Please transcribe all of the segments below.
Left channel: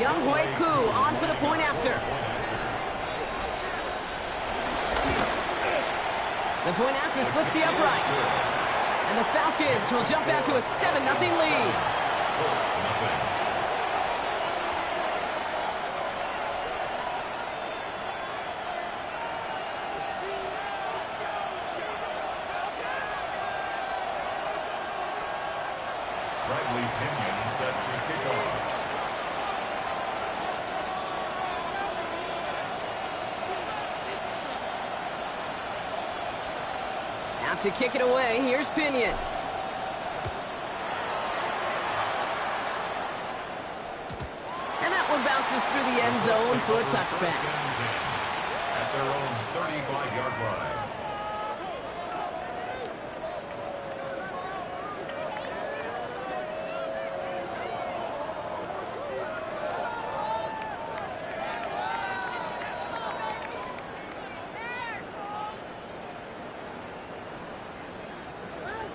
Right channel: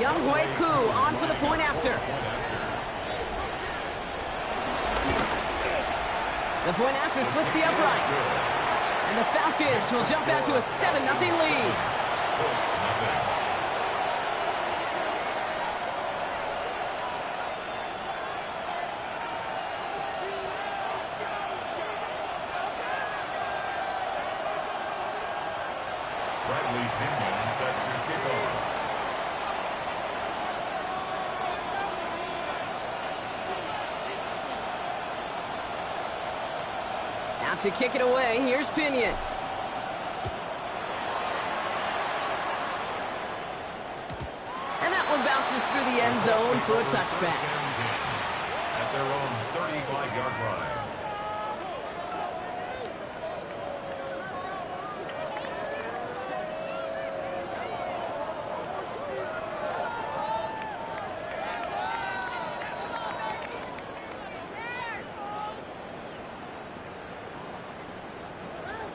Young Hui Koo on for the point after. The point after splits the upright. And the Falcons will jump out to a 7-0 lead. Bradley Pinion set to kick off. Out to kick it away, here's Pinion. And that one bounces through the end zone for a touchback. At their own 35-yard line.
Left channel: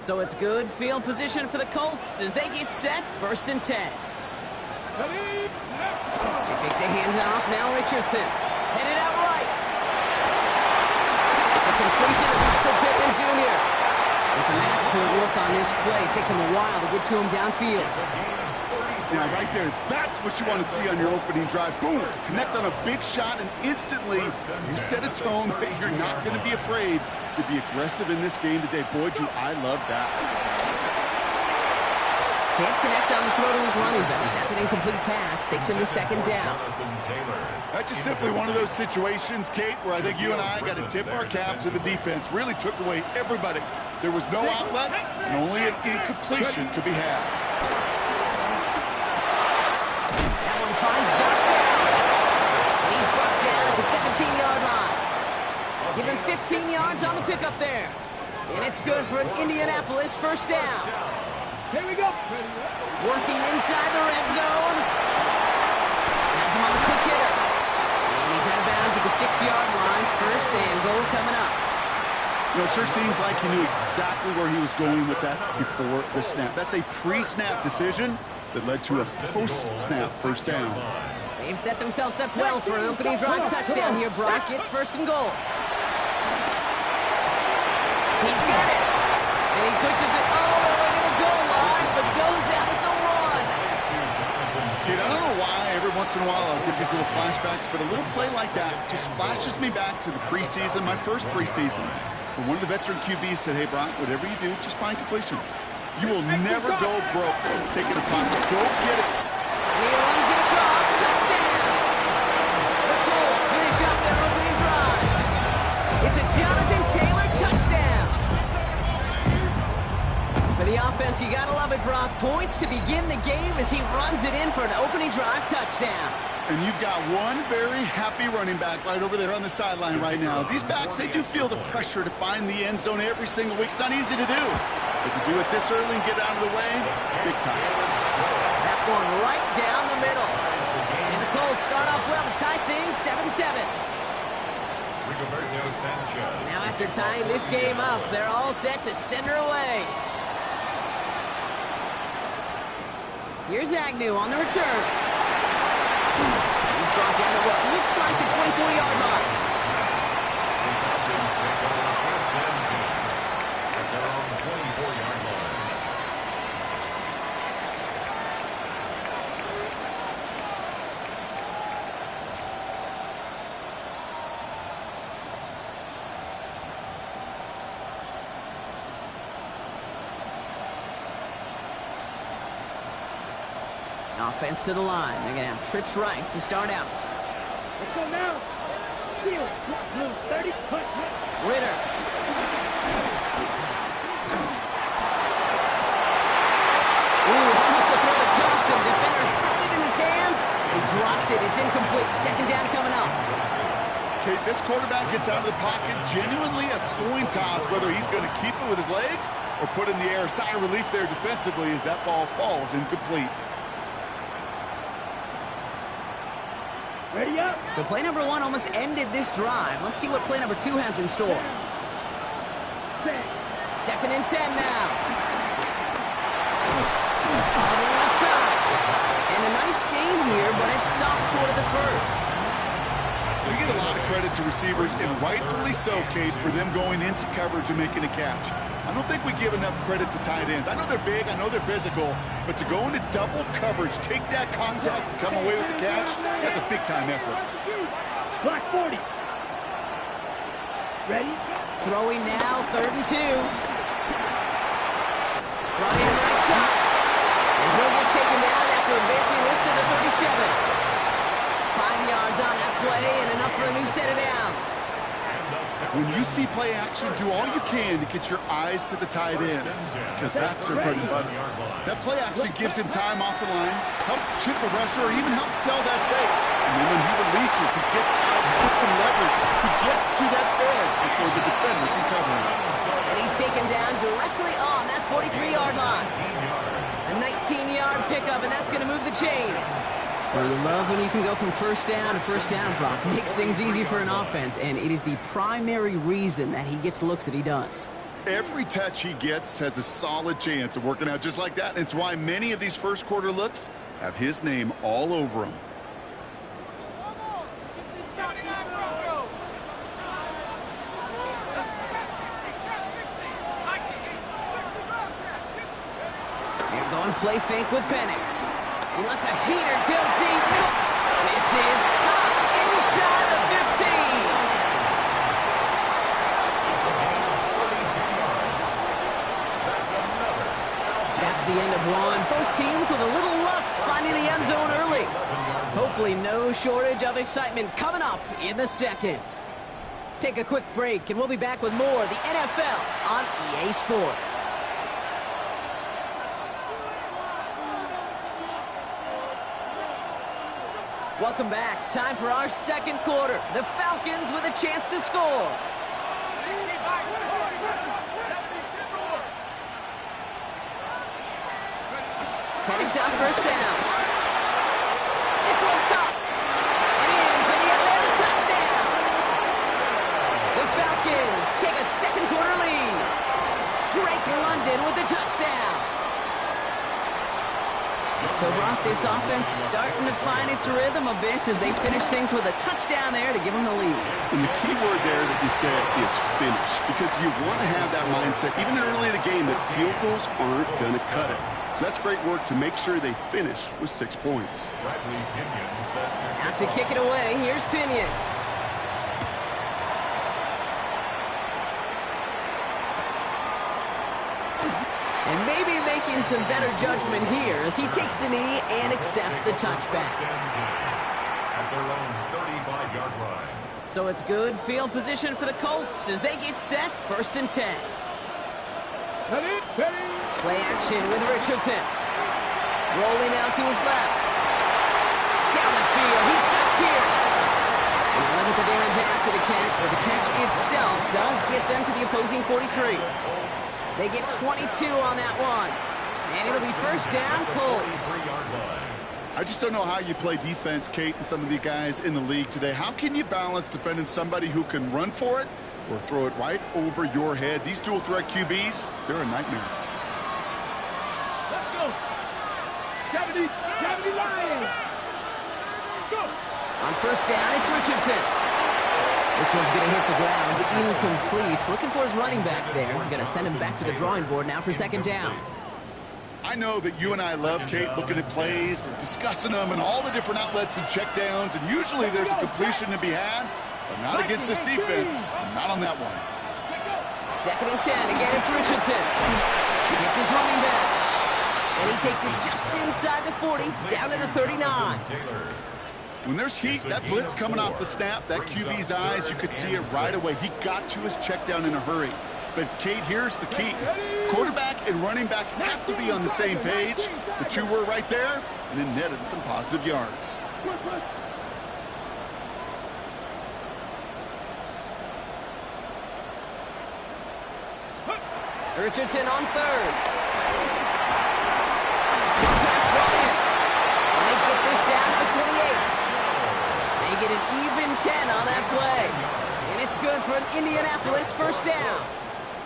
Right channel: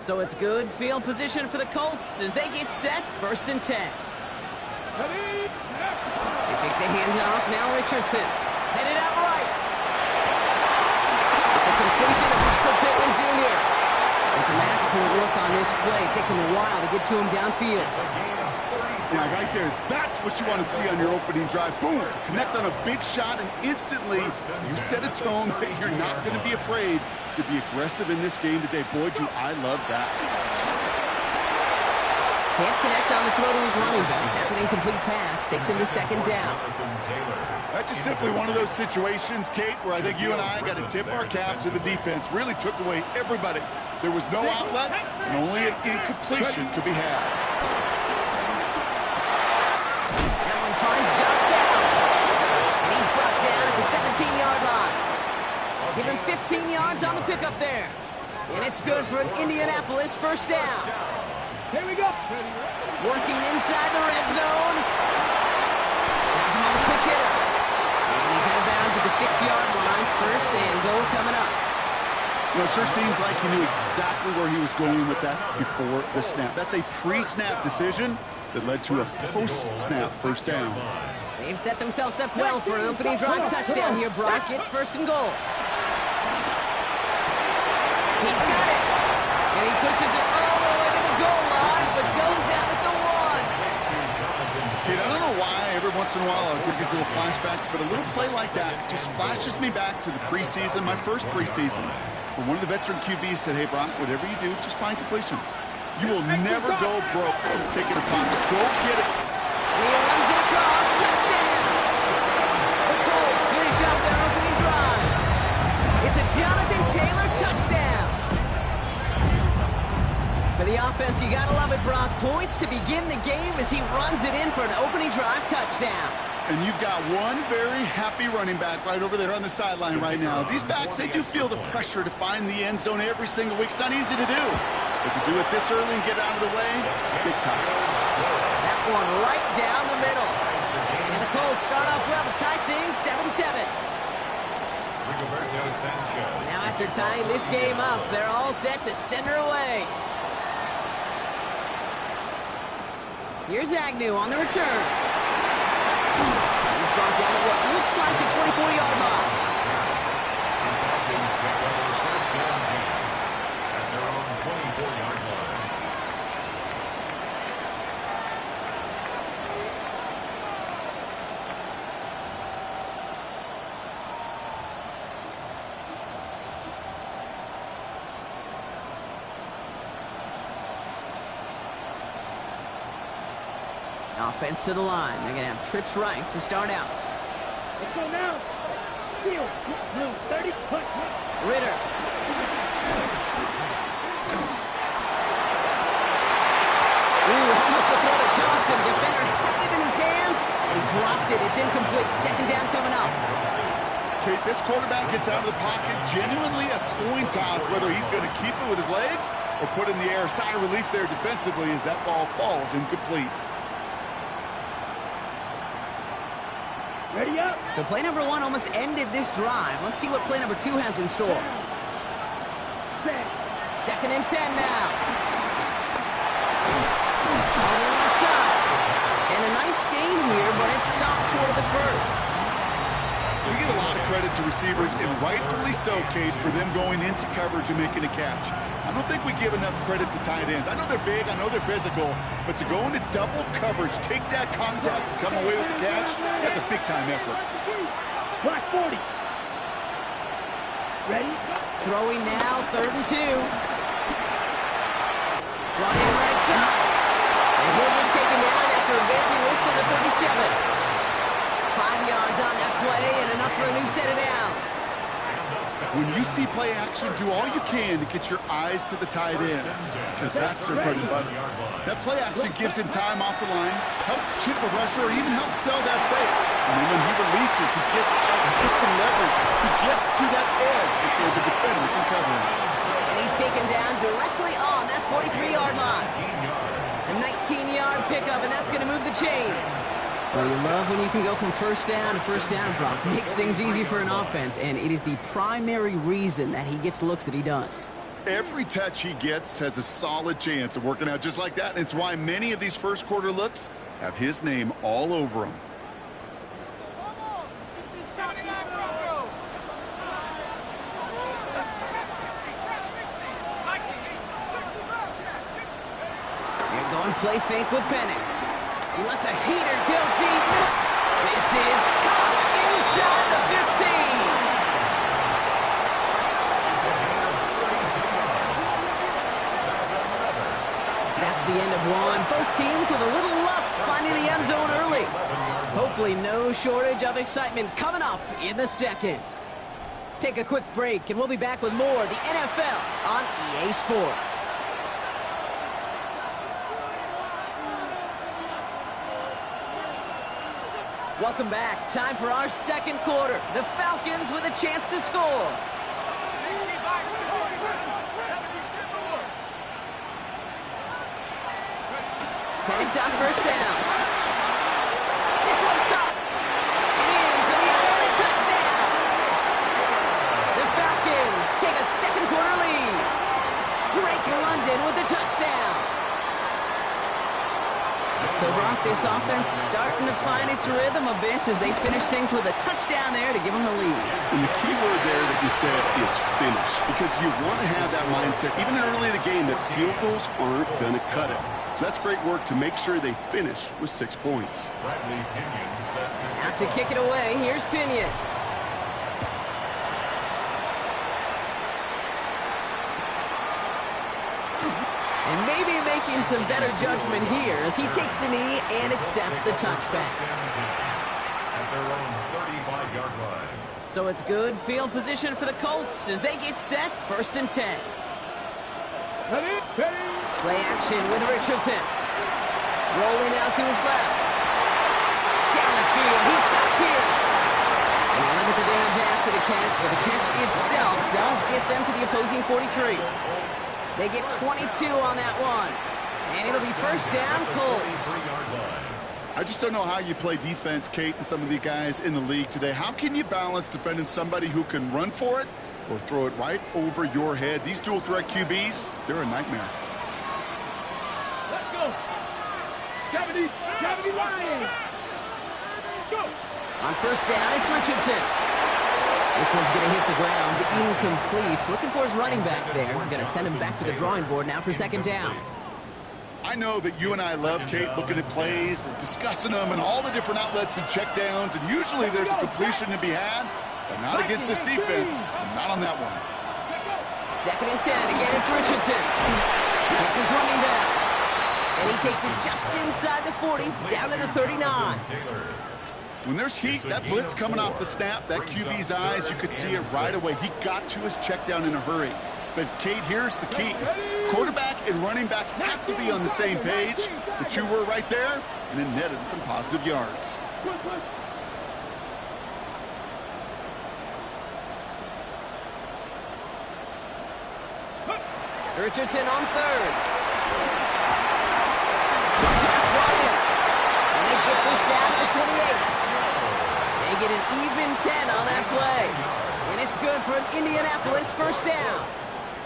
So it's good field position for the Colts as they get set, 1st and 10. They take the handoff, now Richardson. Headed out right. It's a completion of Michael Pittman Jr. And some excellent work on this play. It takes him a while to get to him downfield. Now, right there, that's what you want to see on your opening drive. Boom! Connect on a big shot, and instantly you set a tone that you're not going to be afraid to be aggressive in this game today. Boy, do I love that. Can't connect on the throw to his running back. That's an incomplete pass. Takes him to 2nd down. That's just simply one of those situations, Kate, where I think you and I got to tip our cap to the defense. Really took away everybody. There was no outlet, and only an incompletion could be had. That one finds Josh Downs. And he's brought down at the 17-yard line. Give him 15 yards on the pickup there. And it's good for an Indianapolis 1st down. Here we go. Working inside the red zone. Has him on the quick hitter. And he's out of bounds at the 6-yard line. 1st and goal coming up. You know, it sure seems like he knew exactly where he was going with that before the snap. That's a pre-snap decision that led to a post-snap 1st down. They've set themselves up well for an opening drive touchdown here. Brock gets 1st and goal. He's got it. And he pushes it all the way to the goal line, but goes out at the 1. Kid, I don't know why every once in a while I'll get these little flashbacks, but a little play like that just flashes me back to the preseason, my first preseason, where one of the veteran QBs said, hey, Brock, whatever you do, just find completions. You will never go broke taking a pocket. Go get it. And he runs it across. Touchdown. The Colts finish up their opening drive. It's a Jonathan Taylor touchdown. For the offense, you gotta love it, Brock. Points to begin the game as he runs it in for an opening drive touchdown. And you've got one very happy running back right over there on the sideline right now. These backs, they do feel the pressure to find the end zone every single week. It's not easy to do. But to do it this early and get out of the way, big time. That one right down the middle. And the Colts start off well to tie things 7-7. Now after tying this game up, they're all set to send her away. Here's Agnew on the return. He's brought down to what looks like the 24-yard line. The Falcons take over 1st and 10 at their own 24-yard line. Offense to the line. They're going to have trips right to start out. Let's go now. Steal. Blue 30. Push. Ritter. Ooh, almost a throw that cost him. Defender had it in his hands. He dropped it. It's incomplete. 2nd down coming up. Kate, this quarterback gets out of the pocket. Genuinely a coin toss whether he's going to keep it with his legs or put it in the air. Sigh of relief there defensively as that ball falls incomplete. Ready up. So play number 1 almost ended this drive. Let's see what play number 2 has in store. 2nd and 10 now. On the left side. And a nice game here, but it stopped short of the first. We get a lot of credit to receivers, and rightfully so, Kate, for them going into coverage and making a catch. I don't think we give enough credit to tight ends. I know they're big, I know they're physical, but to go into double coverage, take that contact, and come away with the catch, that's a big-time effort. Black 40. Ready? Throwing now, 3rd and 2. Brought in right side. And he'll get taken down after advancing this to the 37. 5 yards on that play and enough for a new set of downs. When you see play action, do all you can to get your eyes to the tight end, because that's their bread and butter. That play action gives him time off the line, helps chip a rusher, or even helps sell that fake. And then when he releases, he gets out, he gets some leverage. He gets to that edge before the defender can cover him. And he's taken down directly on that 43-yard line. A 19-yard pickup, and that's going to move the chains. Well, you love when you can go from first down to first down, Brock. Makes things easy for an offense, and it is the primary reason that he gets looks that he does. Every touch he gets has a solid chance of working out just like that, and it's why many of these first quarter looks have his name all over them. You're going play fake with Penix. He lets a heater go deep middle. This is caught inside the 15. That's the end of one. Both teams with a little luck finding the end zone early. Hopefully no shortage of excitement coming up in the second. Take a quick break and we'll be back with more of the NFL on EA Sports. Welcome back. Time for our second quarter. The Falcons with a chance to score. Penix on first down. This one's caught. And in for the Atlanta touchdown. The Falcons take a second quarter lead. Drake London with the touchdown. So, Brock, this offense starting to find its rhythm a bit as they finish things with a touchdown there to give them the lead. And the key word there that you said is finish, because you want to have that mindset, even early in the game, that field goals aren't going to cut it. So that's great work to make sure they finish with 6 points. Out to kick it away, here's Pinion. And maybe making some better judgment here as he takes a knee and accepts the touchback. At their own 35-yard line. So it's good field position for the Colts as they get set, 1st and 10. Play action with Richardson. Rolling out to his left. Down the field, he's got Pierce. And they limit the damage after the catch, but the catch itself does get them to the opposing 43. They get 22 on that one. And it'll be first down, Colts. I just don't know how you play defense, Kate, and some of the guys in the league today. How can you balance defending somebody who can run for it or throw it right over your head? These dual threat QBs, they're a nightmare. Let's go. Gravity Lions. Let's go. On first down, it's Richardson. This one's going to hit the ground, incomplete. Looking for his running back there. Going to send him back to the drawing board now for second down. I know that you and I love, Kate, looking at plays and discussing them and all the different outlets and checkdowns, and usually there's a completion to be had, but not against this defense. Not on that one. 2nd and 10. Again, it's Richardson. Gets his running back. And he takes it just inside the 40, down to the 39. When there's heat, that blitz coming off the snap, that QB's eyes, you could see it right away. He got to his check down in a hurry. But, Kate, here's the key. Quarterback and running back have to be on the same page. The two were right there, and then netted some positive yards. Richardson on 3rd. Pass brought in. And they get this down to the 28. They get an even 10 on that play. And it's good for an Indianapolis first down.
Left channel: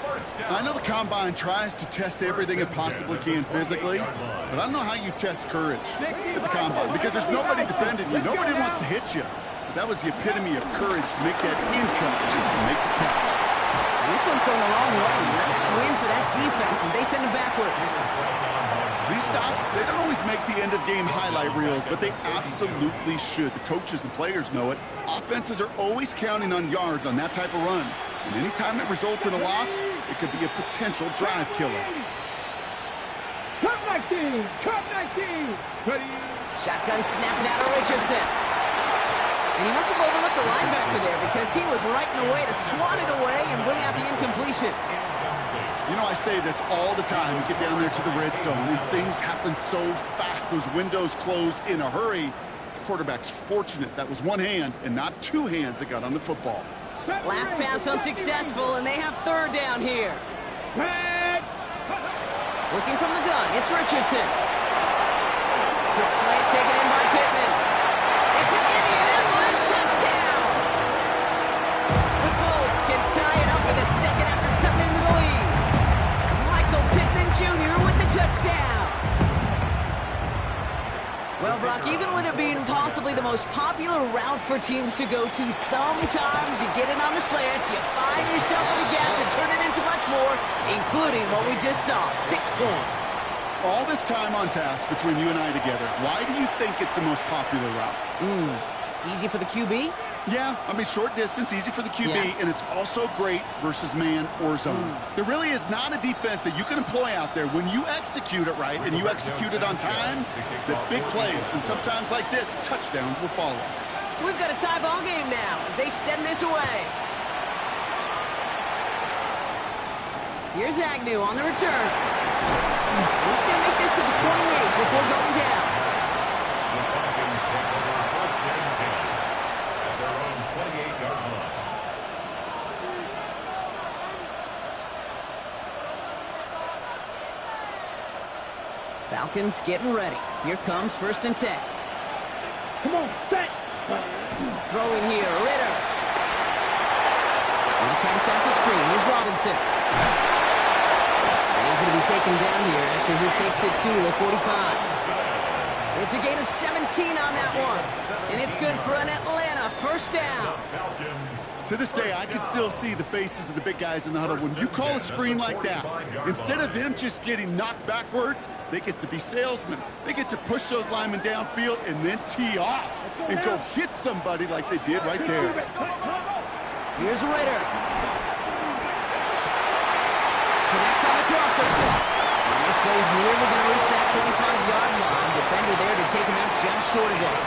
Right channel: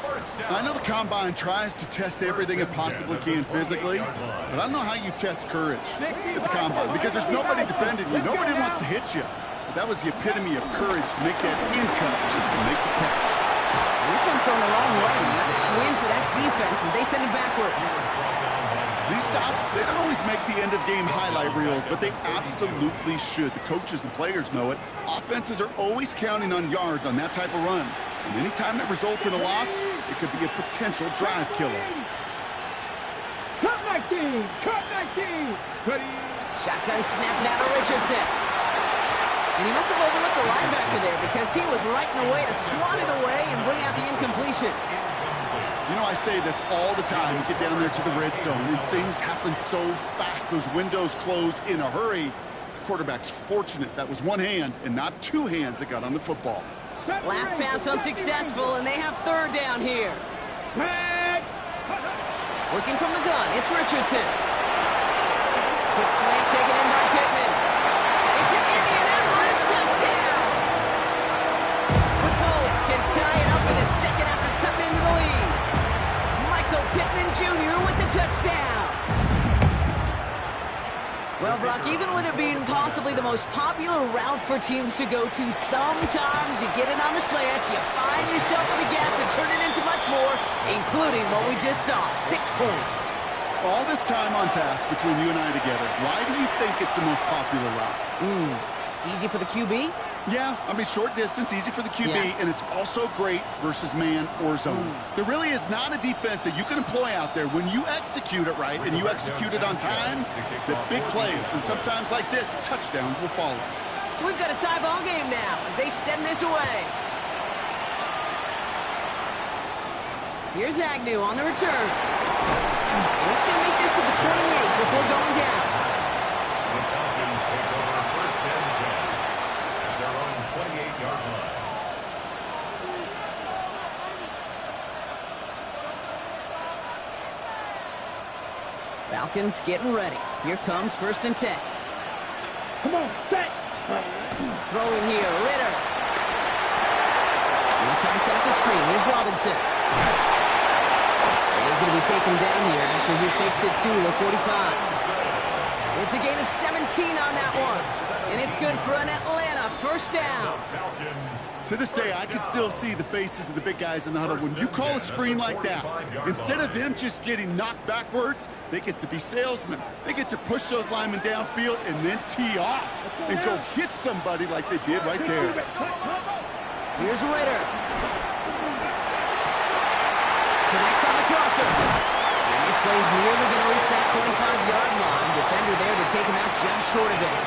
First down. I know the Combine tries to test everything it possibly can physically, but I don't know how you test courage at the Combine because there's nobody defending you. Nobody wants to hit you. But that was the epitome of courage to make that in cut and make the catch. And this one's going the wrong way. Nice win for that defense as they send him backwards. These stops, they don't always make the end-of-game highlight reels, but they absolutely should. The coaches and players know it. Offenses are always counting on yards on that type of run. And anytime it results in a loss, it could be a potential drive killer. Cut 19! Cut 19! Ready? Shotgun snap now to Richardson. And he must have overlooked the linebacker there because he was right in the way to swat it away and bring out the incompletion. You know, I say this all the time. You get down there to the red zone, and things happen so fast. Those windows close in a hurry. The quarterback's fortunate that was one hand and not two hands that got on the football. Last pass unsuccessful, and they have third down here. Working from the gun, it's Richardson. Quick slant taken in by Pittman. It's an Indianapolis touchdown! The Colts can tie it up in the second after cutting into the lead. Michael Pittman Jr. with the touchdown. Well, Brock, even with it being possibly the most popular route for teams to go to, sometimes you get it on the slants, you find yourself in the gap to turn it into much more, including what we just saw, 6 points. All this time on task between you and I together, why do you think it's the most popular route? Easy for the QB? Yeah, I mean, short distance, easy for the QB, and it's also great versus man or zone. There really is not a defense that you can employ out there when you execute it right and you execute it on time, that big plays, and sometimes like this, touchdowns will follow. So we've got a tie ball game now as they send this away. Here's Agnew on the return. And he's going to make this to the 28 before going down. The Falcons take over first and 10 at their own 28-yard line. Falcons getting ready. Here comes first and 10. Come on, set! Throwing here, Ritter. Now trying to set up the screen. Here's Robinson. And he's going to be taken down here after he takes it to the 45. It's a gain of 17 on that one. And it's good for an Atlanta first down. To this day, I can still see the faces of the big guys in the huddle. When you call a screen like that, instead of them just getting knocked backwards, they get to be salesmen. They get to push those linemen downfield and then tee off and go hit somebody like they did right there. Here's Ritter. Connects on the crosser. And this play's nearly going to reach that 25-yard line. Defender there to take him out just short of it.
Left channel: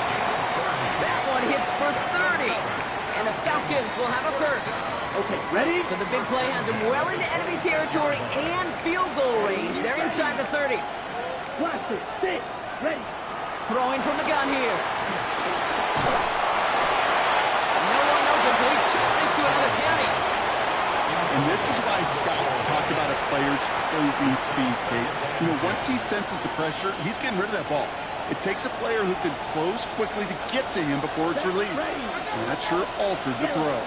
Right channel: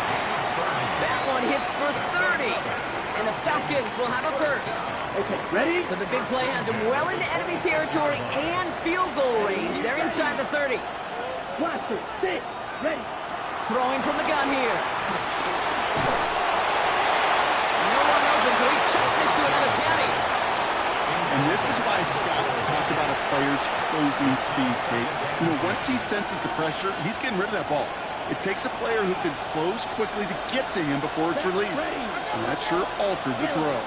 That one hits for 30. And the Falcons will have a first. Okay, ready? So the big play has him well into enemy territory and field goal range. They're inside the 30. Blaster, 6, ready. Throwing from the gun here. No one open, so he chucks this to another county. And this is why scouts talk about a player's closing speed, Kate. You know, once he senses the pressure, he's getting rid of that ball. It takes a player who can close quickly to get to him before it's released. And that sure altered the throw.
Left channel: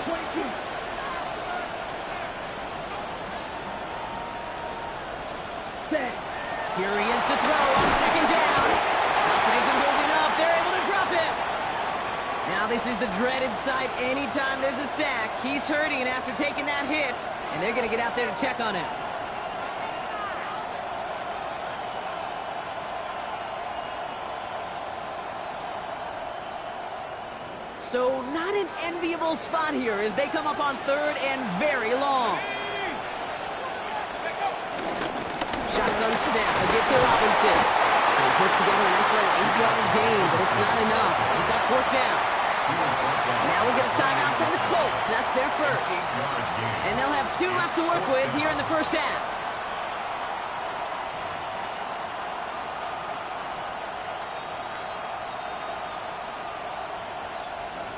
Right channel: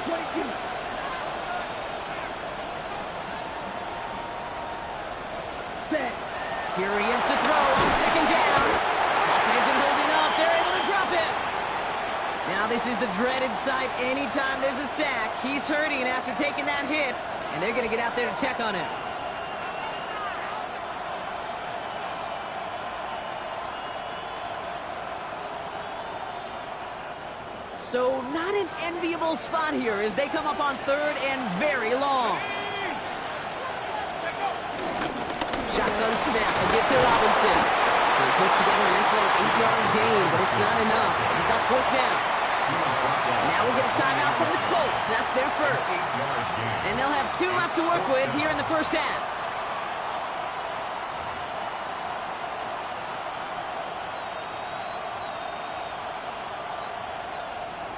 Here he is to throw on second down. Pocket isn't holding up. They're able to drop him. Now this is the dreaded sight anytime there's a sack. He's hurting after taking that hit, and they're going to get out there to check on him. So not an enviable spot here as they come up on third and very long. Shotgun snap, a get to Robinson. He puts together a nice little 8-yard gain, but it's not enough. We've got fourth down. Now we'll get a timeout from the Colts. That's their first. And they'll have 2 left to work with here in the first half.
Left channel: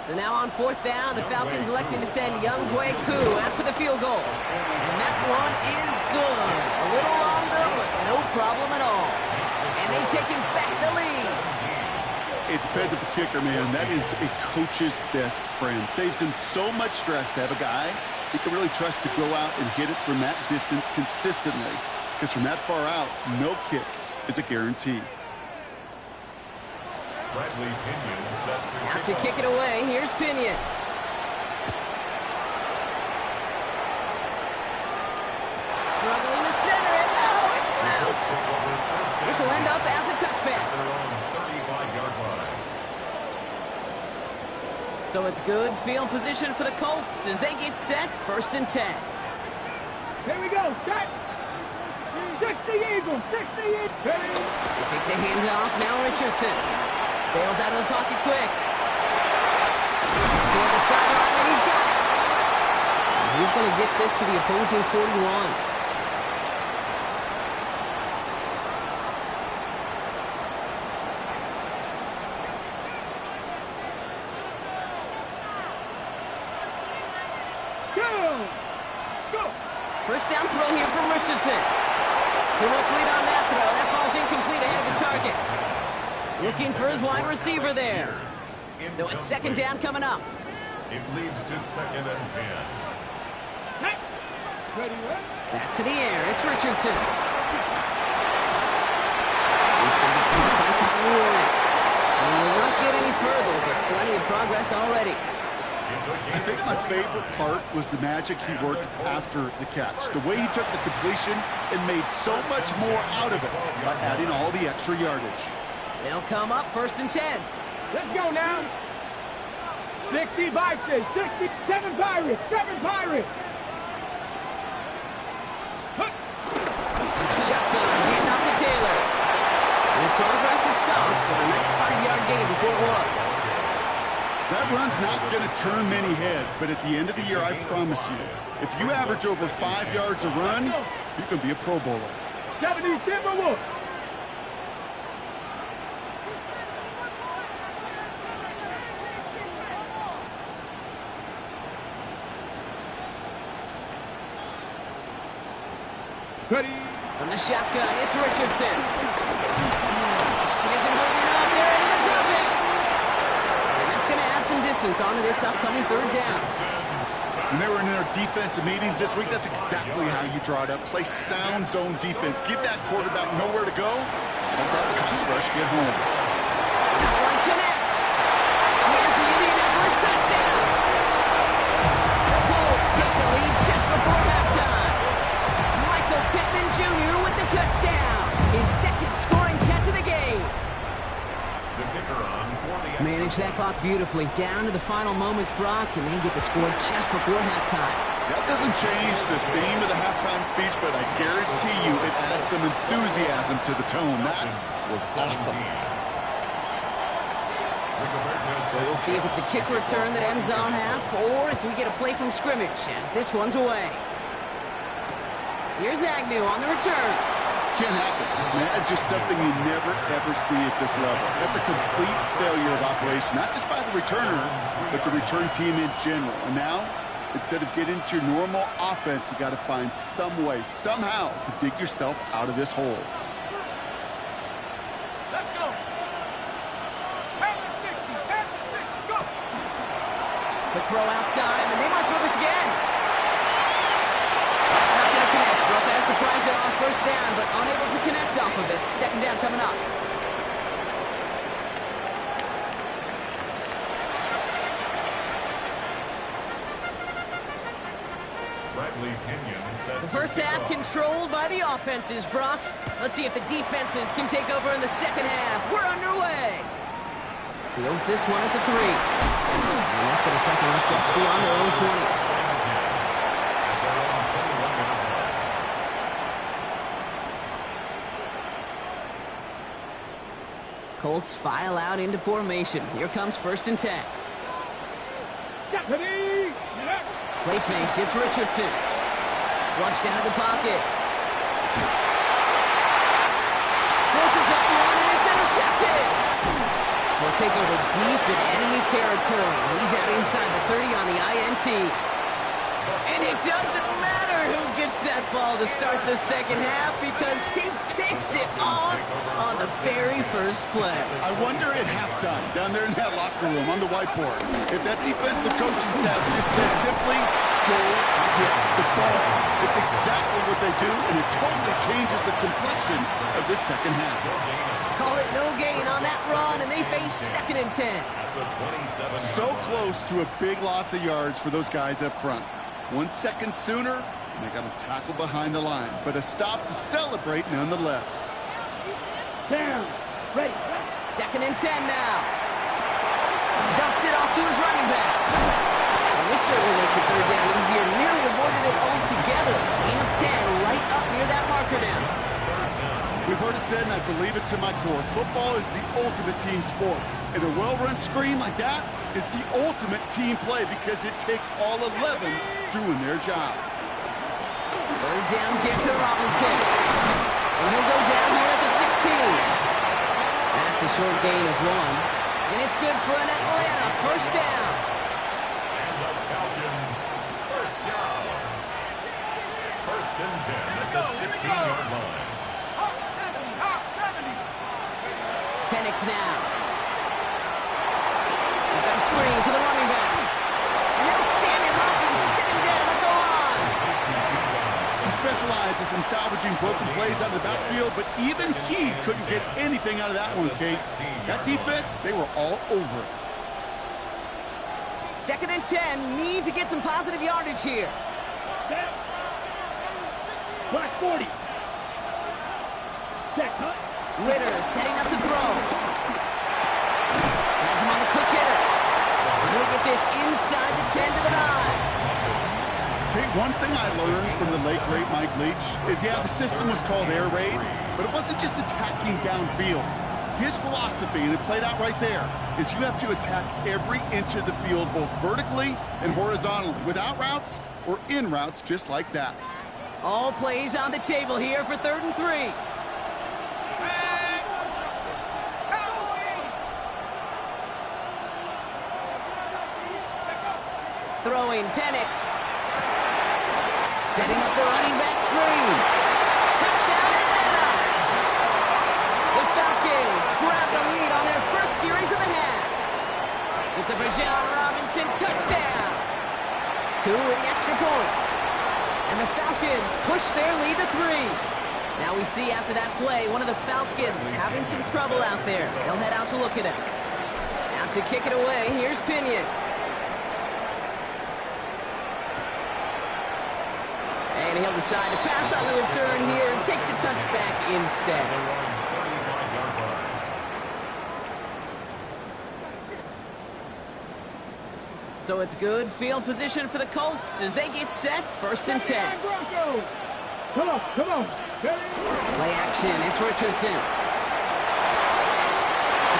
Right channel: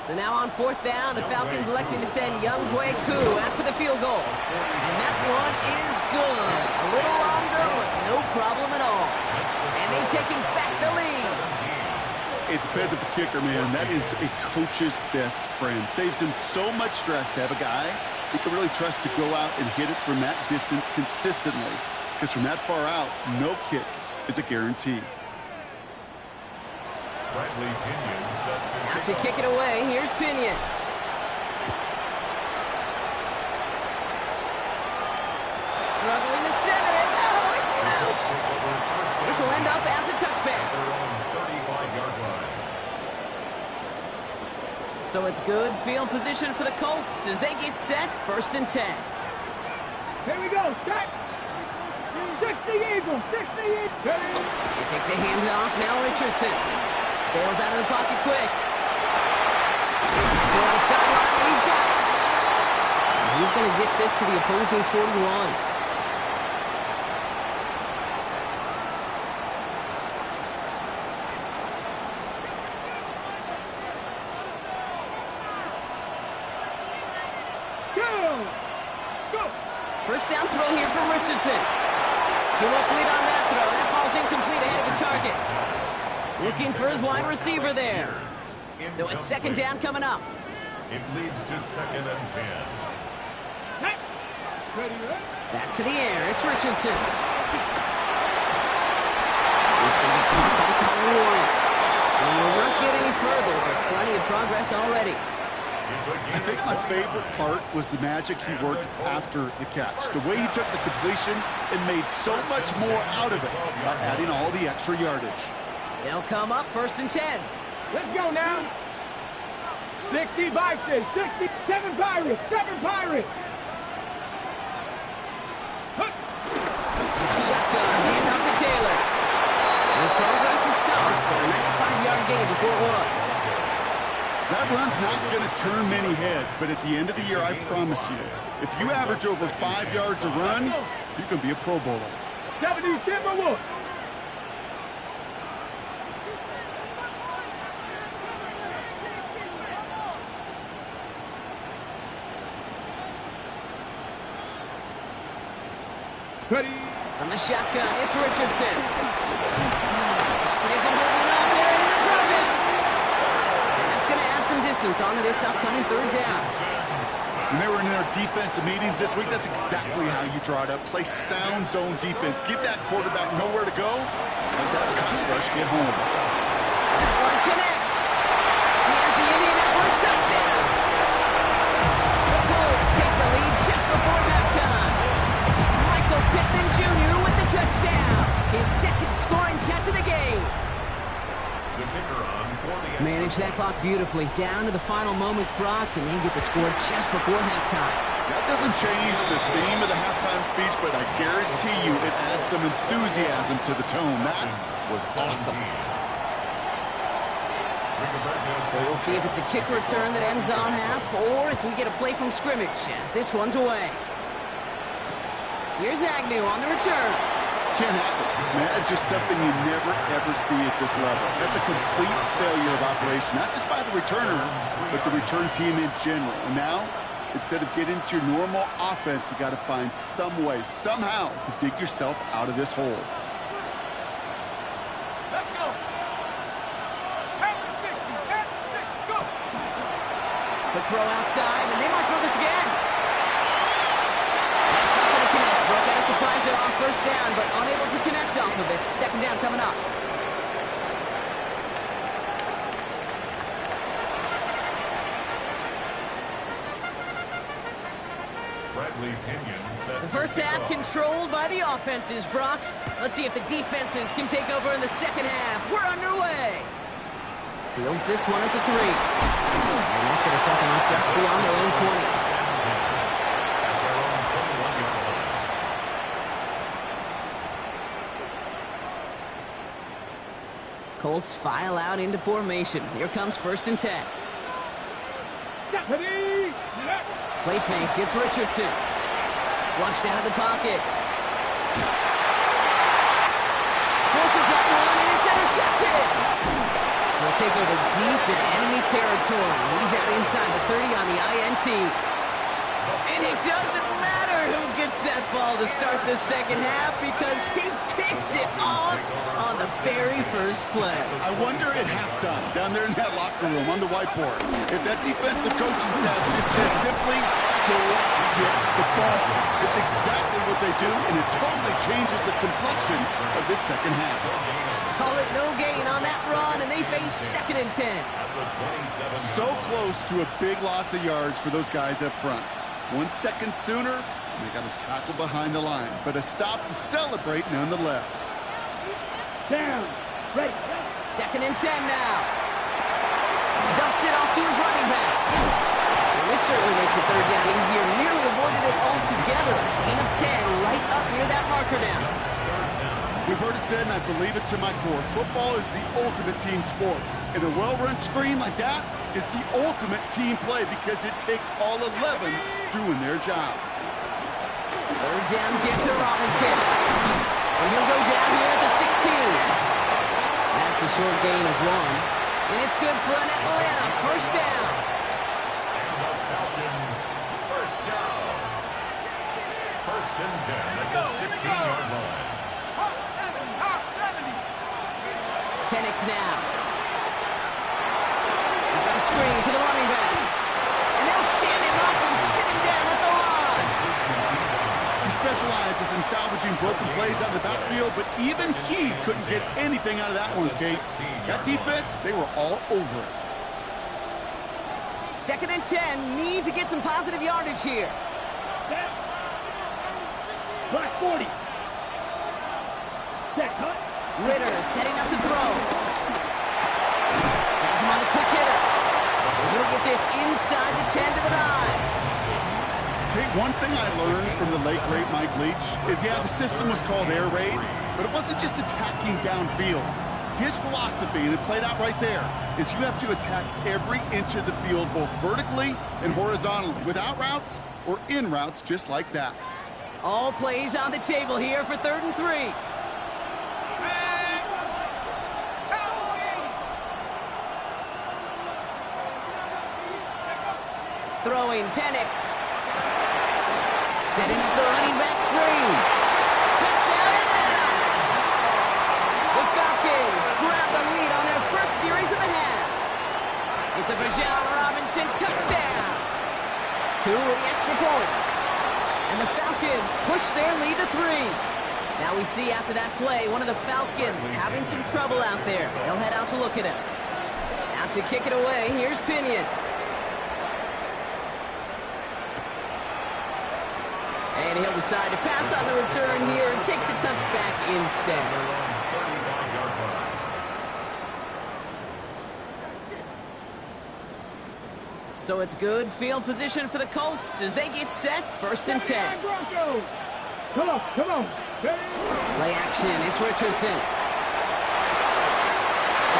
So now on fourth down, the Falcons electing to send Young Hui Koo after the field goal. And that one is good. A little longer, but no problem at all. And they've taken back the lead. It depends on the kicker, man. That is a coach's best friend. Saves him so much stress to have a guy he can really trust to go out and hit it from that distance consistently. Because from that far out, no kick is a guarantee. Bradley Pinion set Out to kick it away. Here's Pinion. Struggling to center it. Oh, it's loose. This will end up as a touchback. Their own 35-yard line. So it's good field position for the Colts as they get set, 1st and 10. Here we go. Set. 60 Eagles. 60 Eagles. Ready. They take the handoff. Now Richardson. Bails out of the pocket quick. Toward the sideline, and he's got it. And he's going to get this to the opposing 41. First down throw here from Richardson. Too much lead on that throw. That falls incomplete ahead of his target. Looking for his wide receiver there. So it's 2nd down coming up. It leads to 2nd and 10. Ready, ready. Back to the air. It's Richardson. He's going to be caught by Tyler Warren. And will not get any further, but plenty of progress already. I think my favorite part was the magic he worked after the catch. The way he took the completion and made so much more out of it by adding all the extra yardage. They'll come up 1st and 10. Let's go now. 60 Vikings. 67 Pirates. 7 Pirates. Shotgun, hand off to Taylor. His progress is solid for a nice 5-yard gain before it was. That run's not going to turn many heads, but at the end of the year, I promise you, if you average over 5 yards a run, you can be a Pro Bowler. 70 Timberwolves. Ready. From the shotgun, it's Richardson. It isn't holding up. They're into the drop it. And that's going to add some distance onto this upcoming 3rd down. When they were in their defensive meetings this week, that's exactly how you draw it up. Play sound zone defense. Give that quarterback nowhere to go. Let that pass rush get home. That one connects. He has the Indianapolis touchdown. The Colts take the lead just before halftime. Michael Pittman Jr. with the touchdown. His 2nd scoring catch of the game. The kicker on for the Manage that clock beautifully. Down to the final moments, Brock, and they get the score just before halftime. That doesn't change the theme of the halftime speech, but I guarantee you it adds some enthusiasm to the tone. That was awesome. So we'll see if it's a kick return that ends on half, or if we get a play from scrimmage, as this one's away. Here's Agnew on the return. Can't happen. Man, that's just something you never, ever see at this level. That's a complete failure of operation, not just by the returner, but the return team in general. And now, instead of getting into your normal offense, you got to find some way, somehow, to dig yourself out of this hole. Let's go. Panther 60, go. Quick throw outside, and they might throw this again. That's not going to connect. Broke out a surprise there on 1st down, but unable to connect off of it. 2nd down coming up. Bradley Pinion set The first half controlled by the offenses, Brock. Let's see if the defenses can take over in the 2nd half. We're underway. Fields this one at the 3. And that's going to set them up just beyond their own 20. Colts file out into formation. Here comes 1st and 10. Play fake. It's Richardson. Flushed out of the pocket. Forces that one, and it's intercepted. We'll take over deep in enemy territory. He's out inside the 30 on the INT. And it doesn't matter who gets that ball to start the second half because he picks it off on the very first play. I wonder at halftime, down there in that locker room on the whiteboard, if that defensive coaching staff just said simply, go get the ball. It's exactly what they do, and it totally changes the complexion of this second half. Call it no gain on that run, and they face 2nd and 10. So close to a big loss of yards for those guys up front. 1 second sooner, and they got a tackle behind the line, but a stop to celebrate nonetheless. Down. Ready. 2nd and 10 now. Dumps it off to his running back. And this certainly makes the third down easier. Nearly avoided it altogether. Gain of 10 right up near that marker now. We've heard it said, and I believe it to my core, football is the ultimate team sport. And a well-run screen like that is the ultimate team play because it takes all 11 doing their job. Third down give to Robinson. And he'll go down here at the 16. That's a short gain of 1. And it's good for an Atlanta first down. And the Falcons, first down. 1st and 10 at the 16-yard line. Penix now. We've got a screen to the running back. And they'll stand him up and sit him down at the line. He specializes in salvaging broken plays out of the backfield, but even he couldn't get anything out of that one, Kate. That defense, they were all over it. 2nd and 10, need to get some positive yardage here. Black 40. Check, cut. Ritter setting up to throw. Has him on the quick hitter. And he'll get this inside the 10 to the 9. Okay, one thing I learned from the late, great Mike Leach is, yeah, the system was called air raid, but it wasn't just attacking downfield. His philosophy, and it played out right there, is you have to attack every inch of the field, both vertically and horizontally, without routes or in routes just like that. All plays on the table here for 3rd and 3. Throwing Penix. Setting up the running back screen. Touchdown Atlanta! The Falcons grab the lead on their first series of the half. It's a Bijan Robinson touchdown. Koo with the extra point. And the Falcons push their lead to 3. Now we see after that play, one of the Falcons having some trouble out there. They'll head out to look at him. Out to kick it away, here's Pinion. And he'll decide to pass on the return here and take the touchback instead. So it's good field position for the Colts as they get set, 1st and 10. Come on. Play action, it's Richardson. To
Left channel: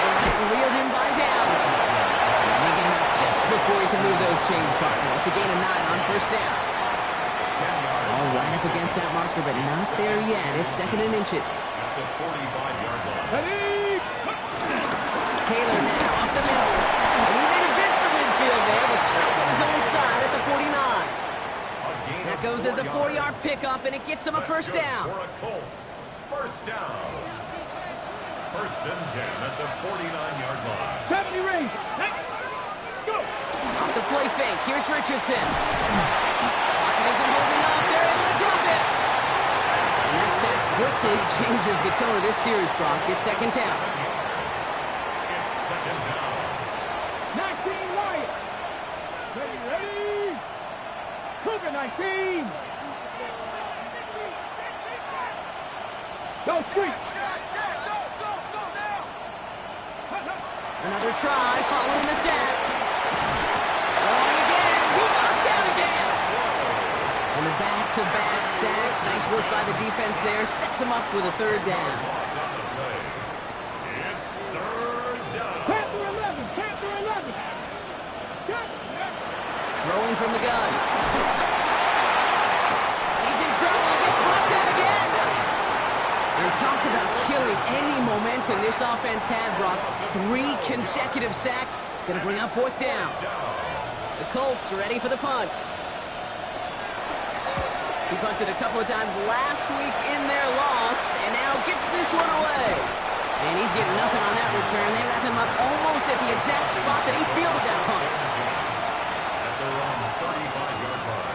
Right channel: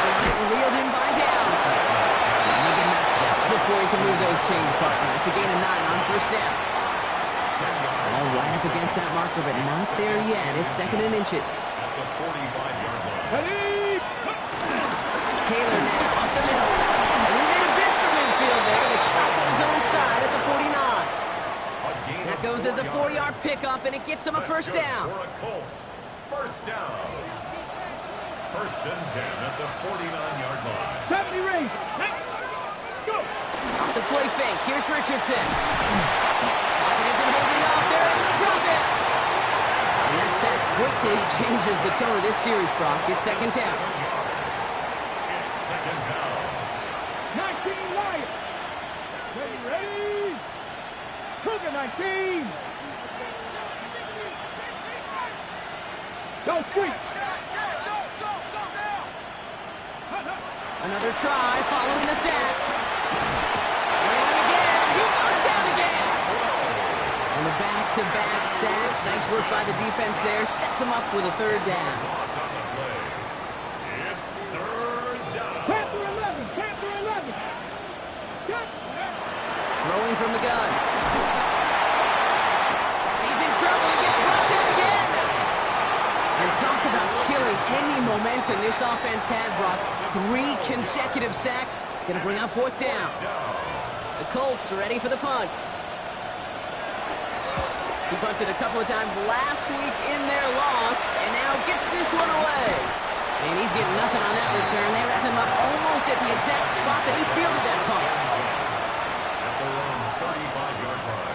the right, reeled in by Downs. And they get him out just before he can move those chains, partner. It's a gain of 9 on 1st down. All right up against that marker, but not there yet. It's 2nd and inches. At the 45-yard line. Taylor now up the middle. And he made a bid for midfield there, but stopped on his own side at the 49. That goes as a 4-yard pickup, and it gets him a first down. For a Colts, first down. 1st and 10 at the 49-yard line. 70 range. Let's go. Off the play fake. Here's Richardson. Pocket isn't holding up. They're able to drop it. And that sack quickly changes the tone of this series, Brock. It's 2nd down. It's 2nd down. 19 Lions. Ready. Cougar 19. Go street. Another try following the sack. Going again. He goes down again. And the back-to-back sacks. Nice work by the defense there. Sets him up with a 3rd down. Loss on the play. It's 3rd down. Panther 11. Throwing from the gun. He's in trouble and gets brought down again. And talk about killing any momentum this offense had, Brock. 3 consecutive sacks. Going to bring up 4th down. The Colts ready for the punt. He punted a couple of times last week in their loss, and now gets this one away. And he's getting nothing on that return. They wrap him up almost at the exact spot that he fielded that punt. At their own 35-yard line.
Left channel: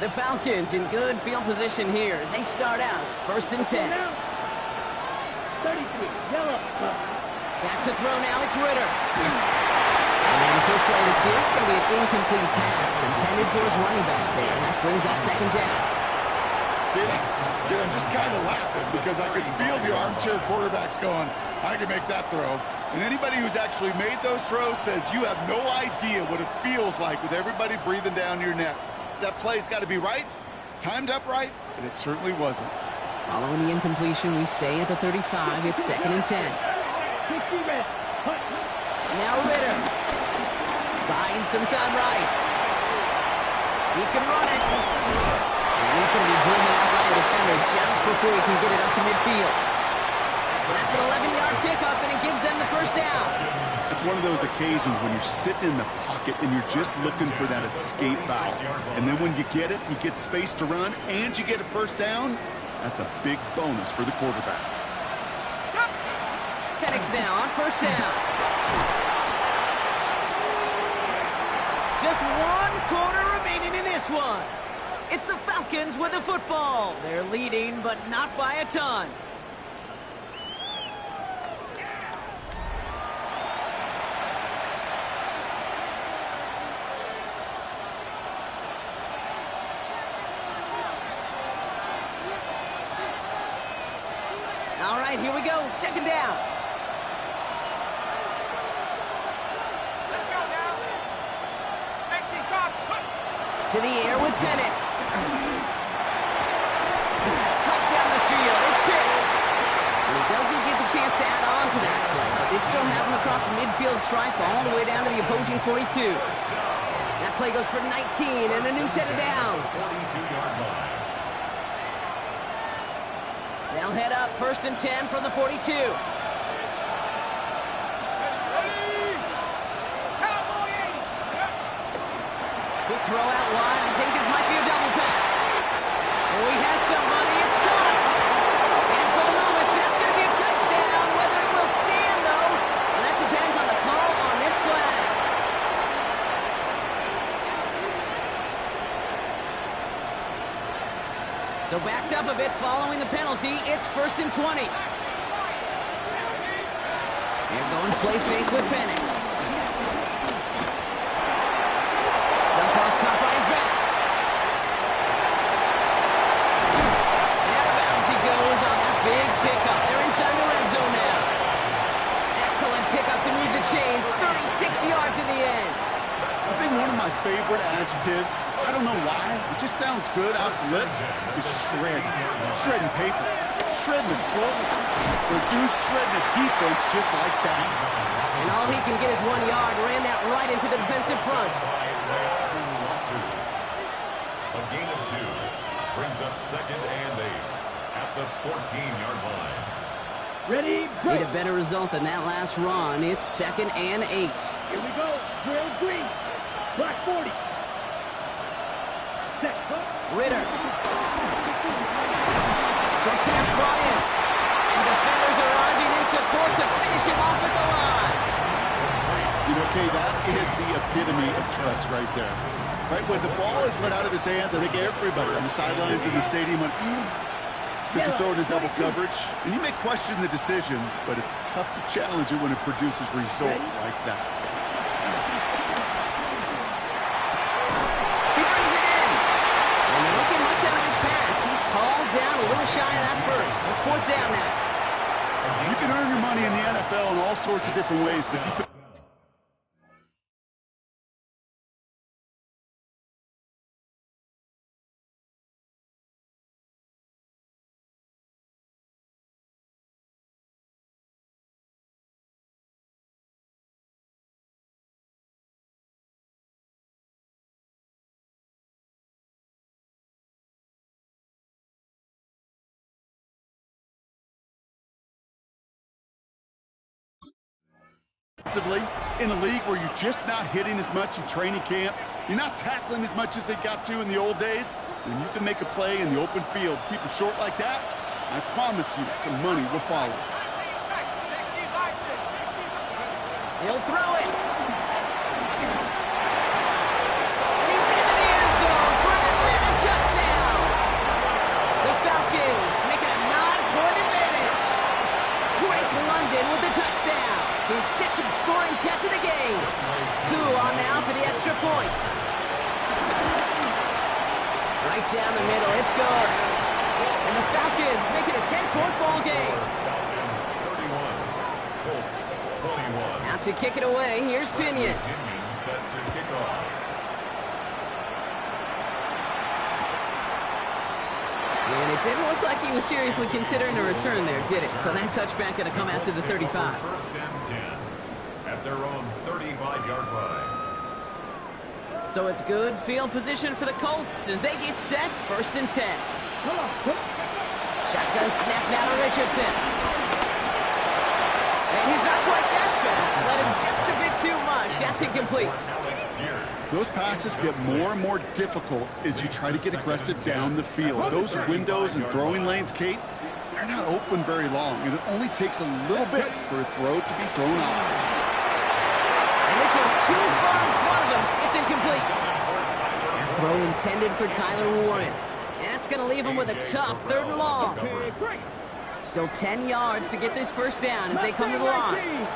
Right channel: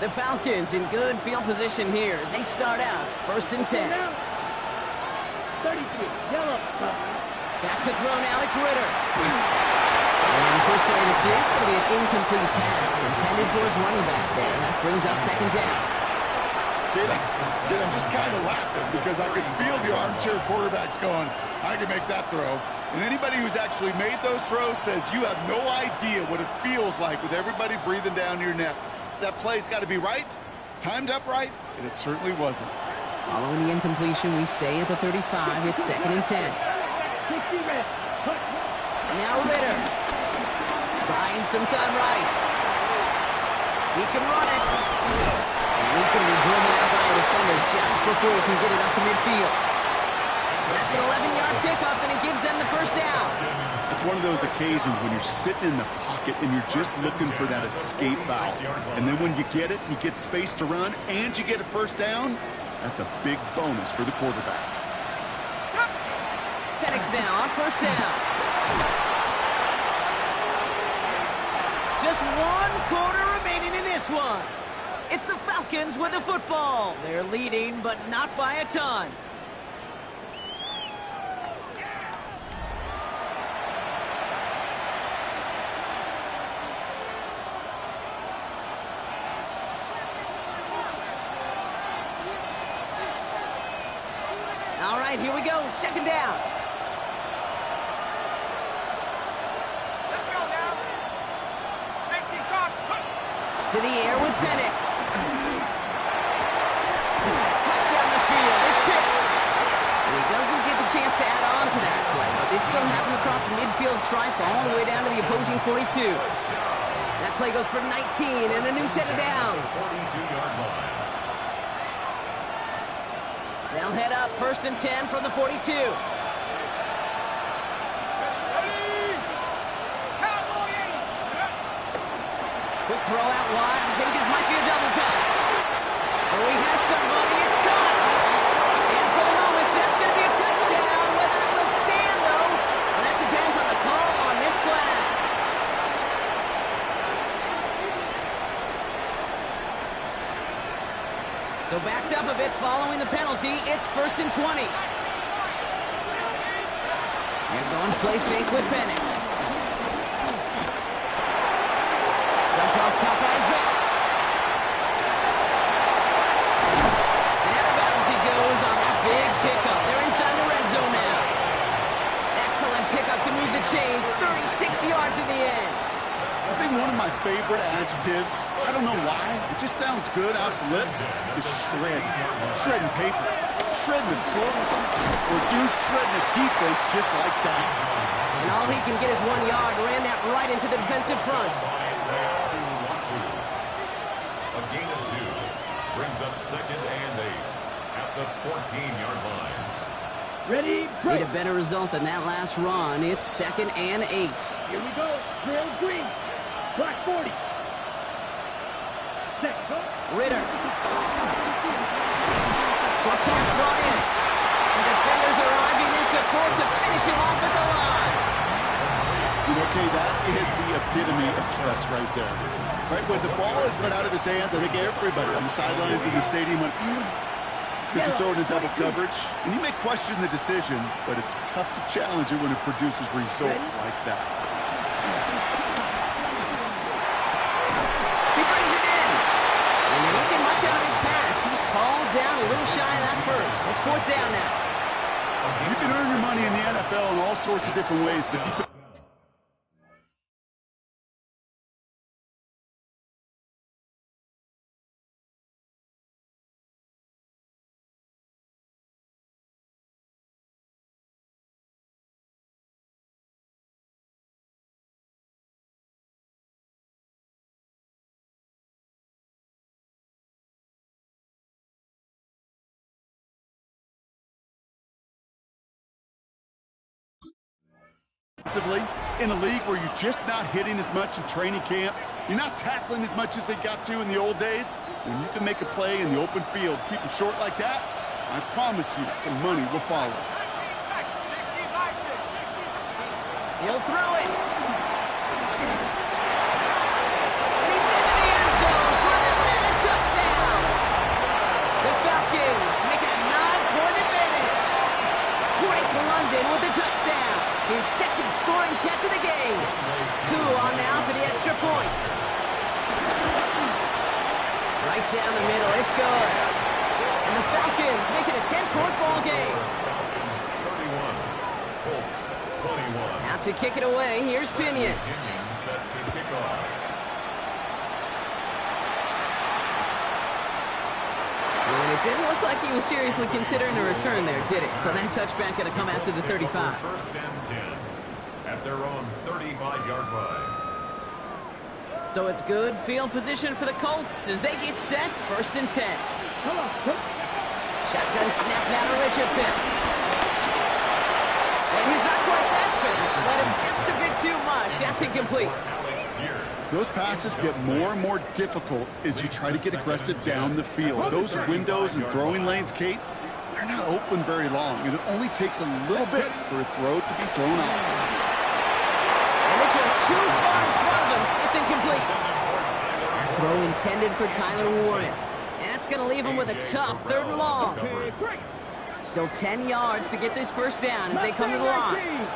The Falcons in good field position here as they start out 1st and 10. 33, yellow. Back to throw now, it's Ritter. And the first play of the series is going to be an incomplete pass intended for his running back there. That brings up 2nd down. I'm just kind of laughing because I could feel the armchair quarterbacks going, I can make that throw. And anybody who's actually made those throws says you have no idea what it feels like with everybody breathing down your neck. That play's got to be right, timed up right, and it certainly wasn't. Following the incompletion, we stay at the 35. It's 2nd and 10. 60 red. Now Ritter. Buying some time right. He can run it. And he's going to be driven out by a defender just before he can get it up to midfield. That's an 11-yard pickup, and it gives them the first down. It's one of those occasions when you're sitting in the pocket and you're just looking for that escape valve. And then when you get it, you get space to run, and you get a first down. That's a big bonus for the quarterback. Penix now on 1st down. Just 1 quarter remaining in this one. It's the Falcons with the football. They're leading, but not by a ton. All right, here we go. 2nd down. Let's go now. 18, cock. To the air with Penix. Cut down the field. It's Pitts. He doesn't get the chance to add on to that play, but this still has him across the midfield stripe all the way down to the opposing 42. That play goes for 19 and a new set of downs. 42-yard line. They'll head up 1st and 10 from the 42. Quick throw out wide. I think this might be a double pass. Oh, he has somebody. It's caught. And for the moment, that's going to be a touchdown. Whether it will stand, though, well, that depends on the call on this flag. So backed up a bit following the penalty. It's 1st and 20. They're going play fake with Penix. Dump off, caught by his back. And out of bounds he goes on that big pickup. They're inside the red zone now. Excellent pickup to move the chains. 36 yards in the end. I think one of my favorite adjectives, I don't know why, it just sounds good off the lips, is shred. Shredding paper. Shredding the slows. Or dude shredding a defense just like that. And all he can get is 1 yard. Ran that right into the defensive front. A gain of 2 brings up 2nd and 8 at the 14-yard line. Ready, Need break. a better result than that last run. It's 2nd and 8. Here we go. Drill green. Black 40. Set. Ritter. Short pass brought in. And defenders arriving in support to finish him off at the line. Okay, that is the epitome of trust right there. Right, when the ball is let out of his hands, I think everybody on the sidelines in the stadium went, because you throw it in double coverage. And you may question the decision, but it's tough to challenge it when it produces results like that. He brings it in. And they don't get much out of his pass. He's hauled down a little shy of that first. It's 4th down now. You can earn your money in the NFL in all sorts of different ways, but Defensively, in a league where you're just not hitting as much in training camp, you're not tackling as much as they got to in the old days, when you can make a play in the open field, keep them short like that, I promise you some money will follow. He'll throw it. And he's into the end zone for an Atlanta touchdown. The Falcons make it a 9-point advantage. Drake London with the touchdown. His second scoring catch of the game. Koo on now for the extra point. Right down the middle, it's good. And the Falcons make it a 10-point ball game. Falcons 31, Colts 21. Out to kick it away, here's Pinion. Pinion set to kick off. And it didn't look like he was seriously considering a return there, did it? So that touchback going to come out to the 35. First and 10 at their own 35-yard line. So it's good field position for the Colts as they get set, 1st and 10. Shotgun snap now to Richardson. And he's not quite that fast. Let him just a bit too much. That's incomplete. Those passes get more and more difficult as you try to get aggressive down the field. Those windows and throwing lanes, Kate, they're not open very long, and it only takes a little bit for a throw to be thrown off. And this one too far in front of him. It's incomplete. That throw intended for Tyler Warren. And that's going to leave him with a tough 3rd and long. Still 10 yards to get this first down as they come to the line.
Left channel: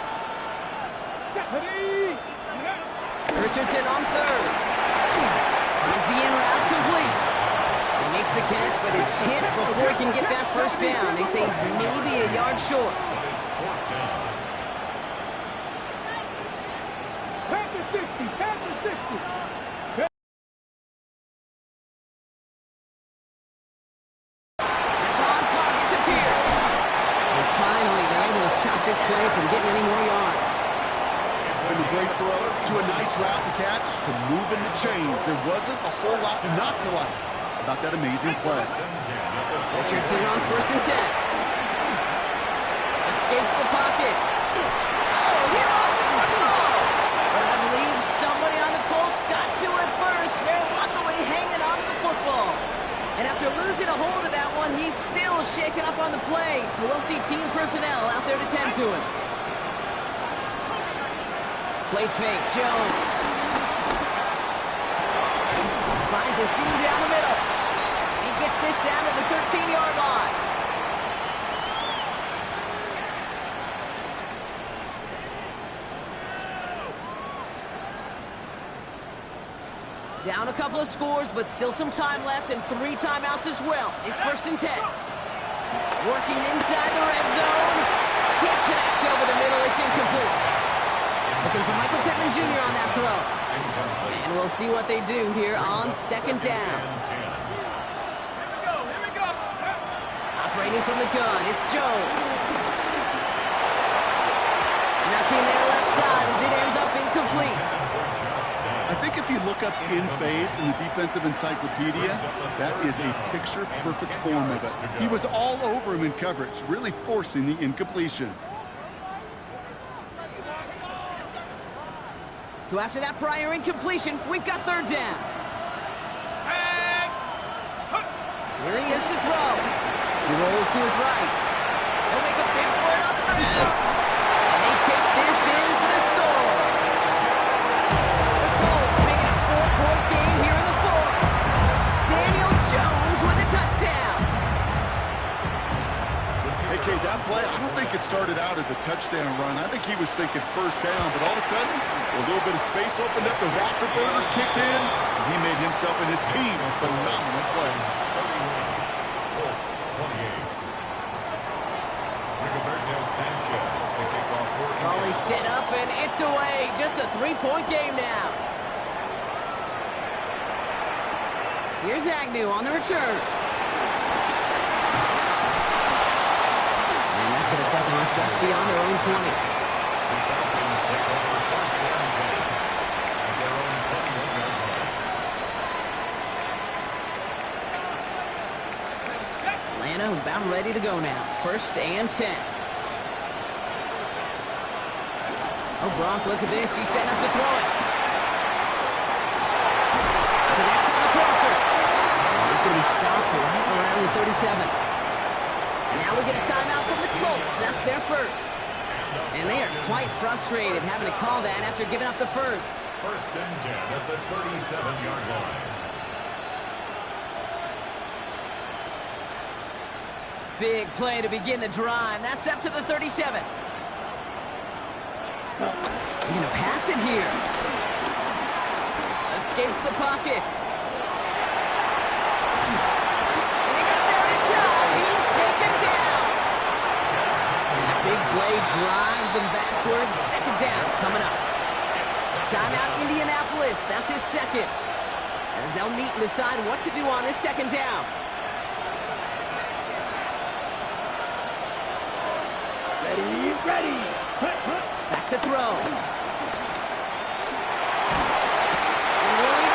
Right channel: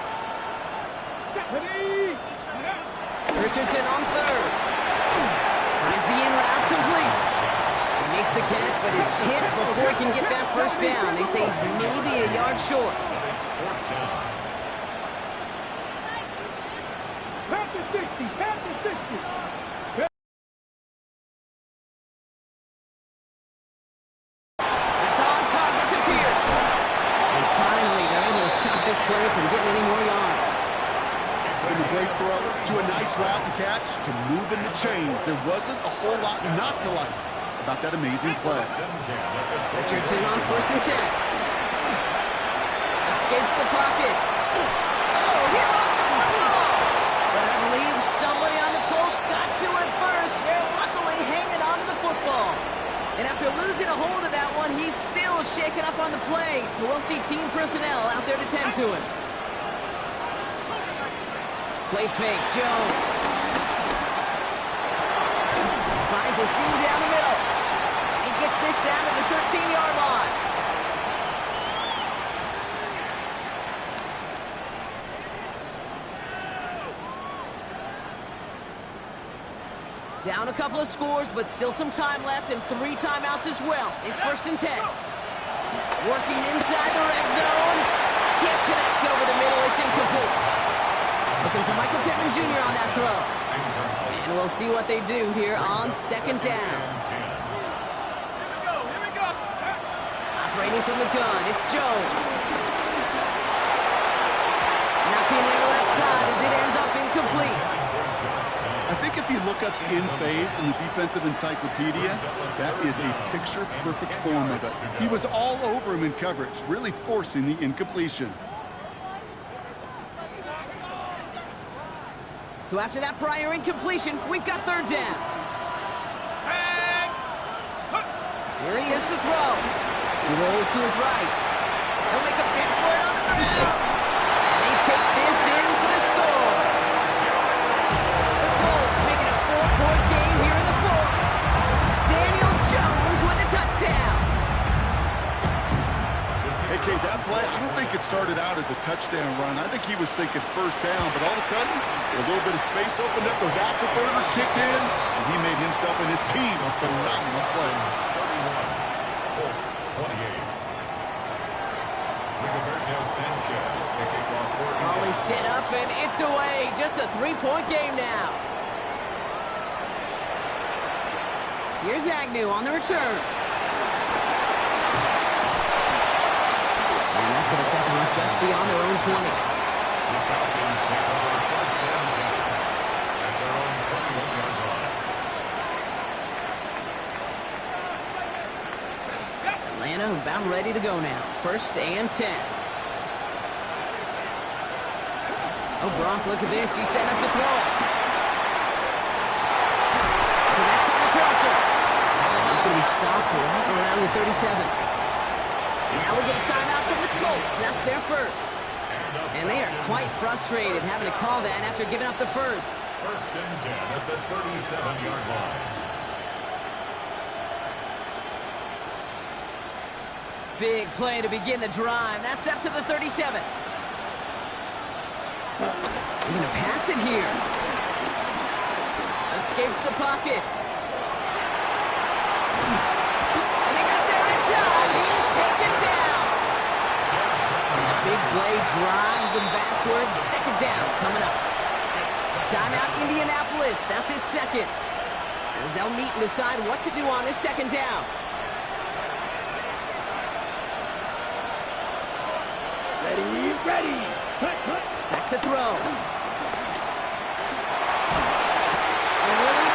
Richardson on 3rd. Finds the in route complete. He makes the catch, but is hit before he can get that first down. They say he's maybe a yard short. Pass the 60, pass the 60. That's on target to Pierce. And finally, they're able to stop this play from getting any more yards. From a great throw to a nice route and catch to moving the chains. There wasn't a whole lot not to like about that amazing play. Richardson on 1st and 10. Escapes the pocket. Oh, he lost the football. But I believe somebody on the Colts got to it first. They're luckily hanging on to the football. And after losing a hold of that one, he's still shaken up on the play. So we'll see team personnel out there to tend to him. Play fake, Jones. Finds a seam down the middle. And he gets this down to the 13-yard line. Down a couple of scores, but still some time left and 3 timeouts as well. It's 1st and 10. Working inside the red zone. Can't connect over the middle. It's incomplete. Looking for Michael Pittman Jr. on that throw. And we'll see what they do here on 2nd down. Here we go. Operating from the gun, it's Jones. Nothing there left side as it ends up incomplete. I think if you look up in phase in the defensive encyclopedia, that is a picture-perfect form of it. He was all over him in coverage, really forcing the incompletion. So after that prior incompletion, we've got 3rd down. Here he is to throw. He rolls to his right. He'll make a bid for it on the ground. And they take this in for the score. The Colts make it a 4-point game here in the 4th. Daniel Jones with a touchdown. Hey, Kate, that play, I don't think it started out as a touchdown run. I think he was thinking first down, but all of a sudden, a little bit of space opened up, those afterburners kicked in, and he made himself and his team a phenomenal play. 31, Colts 28. Rigoberto Sanchez to kick off for Volley set up, and it's away. Just a 3-point game now. Here's Agnew on the return. And that's going to set them up just beyond their own 20. The Falcons take over 1st and 10 at their own 21-yard line. Atlanta about ready to go now. 1st and 10. Oh, Gronk, look at this. He's setting up to throw it. Connects on the crosser. And he's going to be stopped right around the 37. Now we get a timeout from the Colts. That's their first. And they are quite frustrated having to call that after giving up the first. First and 10 at the 37-yard line. Big play to begin the drive. That's up to the 37. They're going to pass it here. Escapes the pocket. And he got there in time. He's taken down. And the big play drives them backwards. Second down coming up. Timeout Indianapolis. That's its second. As they'll meet and decide what to do on this second down. Ready. Back to throw. Really?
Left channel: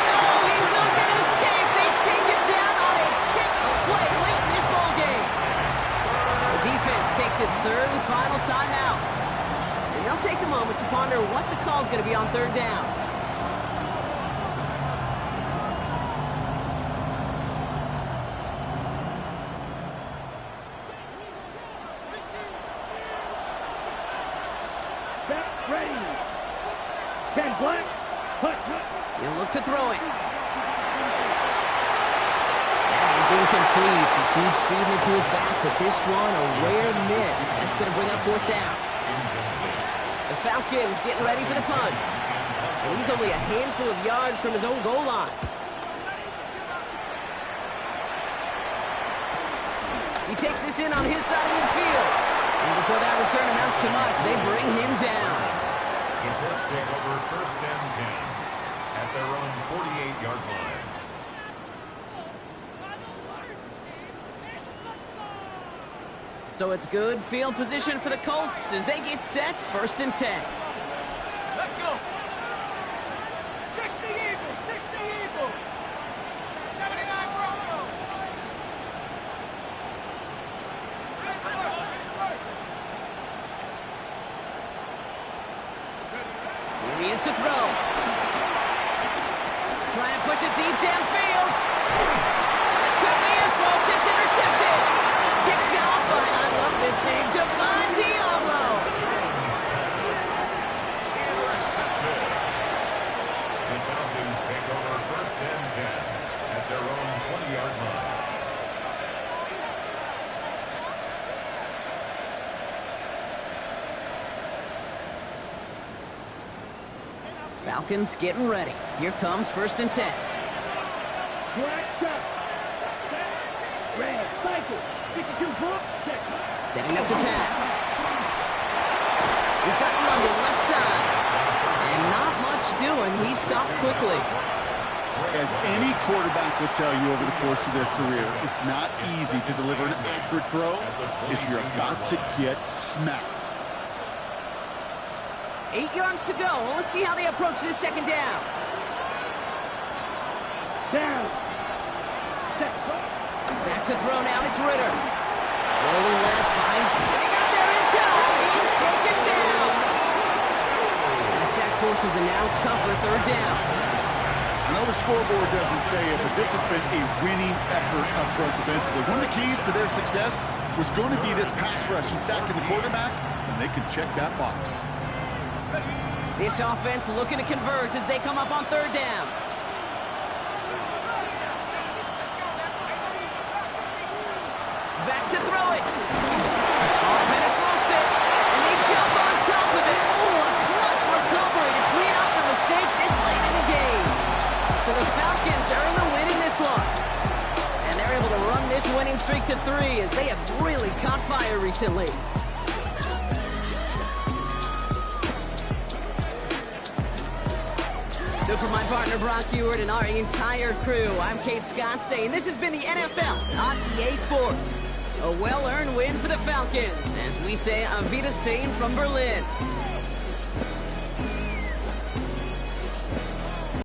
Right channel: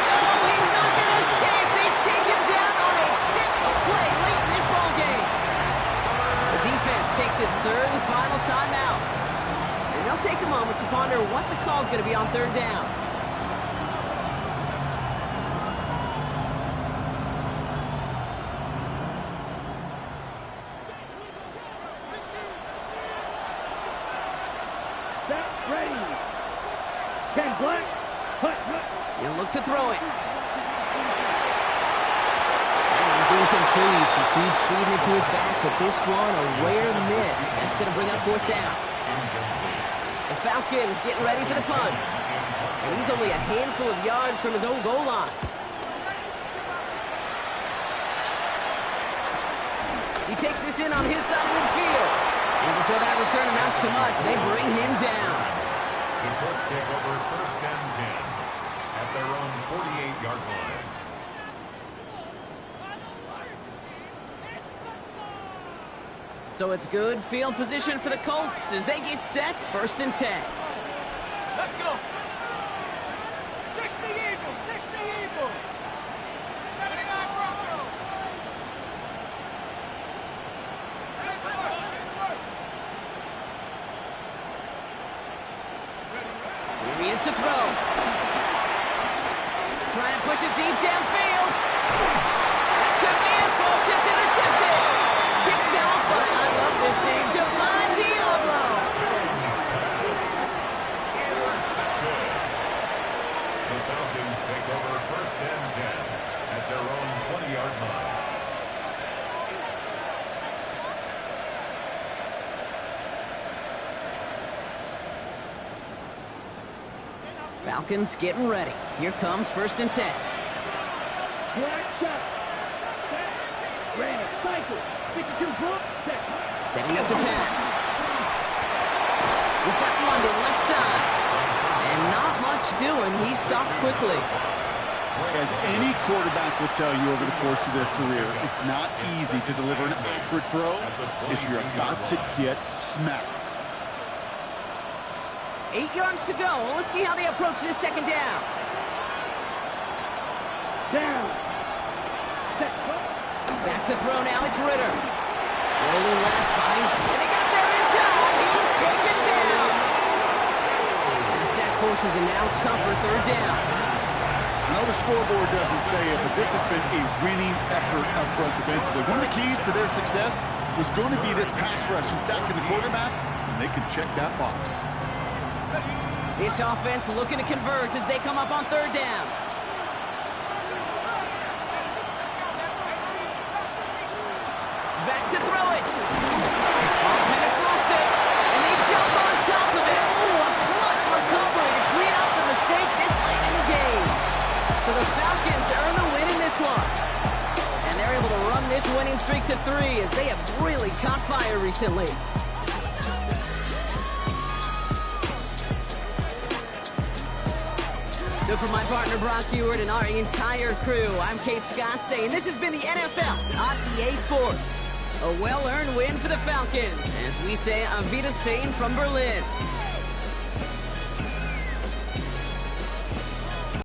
No, he's not going to escape. They take him down on a pivotal play late in this ball game. The defense takes its third and final timeout. And they'll take a moment to ponder what the call is going to be on third down. Ready. 10 black. He'll look to throw it. That is incomplete. He keeps feeding it to his back, but this one a rare miss. That's going to bring up fourth down. The Falcons getting ready for the punt. And he's only a handful of yards from his own goal line. He takes this in on his side of midfield. And before that return amounts to much, they bring him down. The Colts take over first and 10 at their own 48-yard line. So it's good field position for the Colts as they get set, first and 10. Let's go. 60 Eagles, 79 Broncos. Here he is to throw. Trying to push it deep downfield. That could be it, folks. It's intercepted. Picked off by, I love this name, Devon Diablo. Intercepted. The Falcons take over first and 10 at their own 20-yard line. Falcons getting ready. Here comes first and 10. Red, cycle, 52 foot, Setting up to pass. He's got London left side. And not much doing. He's stopped quickly. As any quarterback will tell you over the course of their career, it's not easy to deliver an accurate throw if you're about to get smacked. 8 yards to go. Well, let's see how they approach this second down. down. Back to throw now. It's Ritter. Rolling left, finds, and he got there in time. He's taken down. And the sack forces a now tougher third down. I know the scoreboard doesn't say it, but this has been a winning effort up front defensively. One of the keys to their success was going to be this pass rush and sacking the quarterback, and they can check that box. This offense looking to convert as they come up on third down. Back to throw it. Oh, Penix lost it, and they jump on top of it. Oh, a clutch recovery to clean up the mistake this late in the game. So the Falcons earn the win in this one. And they're able to run this winning streak to 3 as they have really caught fire recently. So for my partner Brock Ewart and our entire crew, I'm Kate Scott saying this has been the NFL on EA Sports. A well-earned win for the Falcons, as we say Auf Wiedersehen from Berlin.